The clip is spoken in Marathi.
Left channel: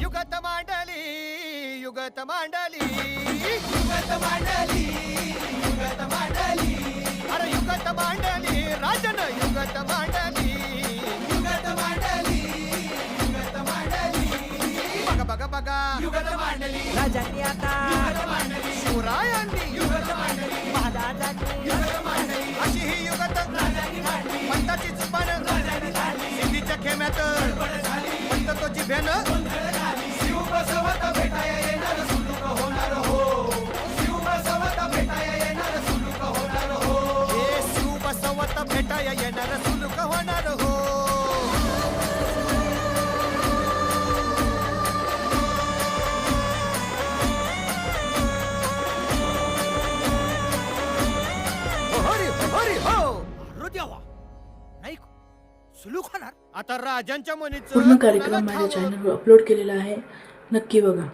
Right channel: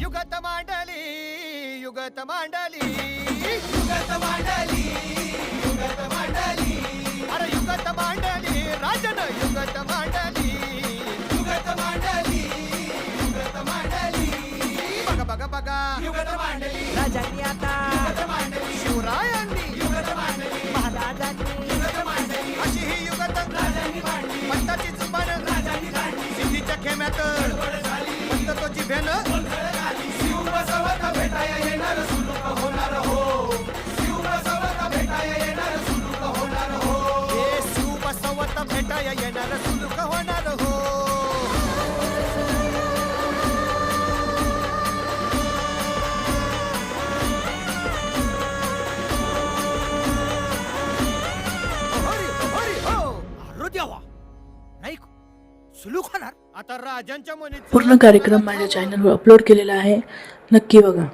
युगत मांडली युगत मांडली युगत मांडली युगत मांडली अरे युगत मांडली राजन युगत मांडली युगत मांडली युगत मांडली बघा बघा बघा युगत मांडली राजांनी आता शिवरायांनी महाराजांनी अशी ही युगत पंताची जुबान सिद्धीच्या खेम्यात पंत तो जिभेन शिव बसवत भेटाया येणार सुलूक होणार हो शिव बसवत भेटाया येणार सुलूक होणार हो हे शिव बसवत भेटाया येणार सुलूक होणार हो हरी हरी हो अरे देवा नाही सुलूक होणार आता राजांच्या मनीच पूर्ण कार्यक्रम माझ्या चॅनलवर अपलोड केलेला आहे, नक्की बघा.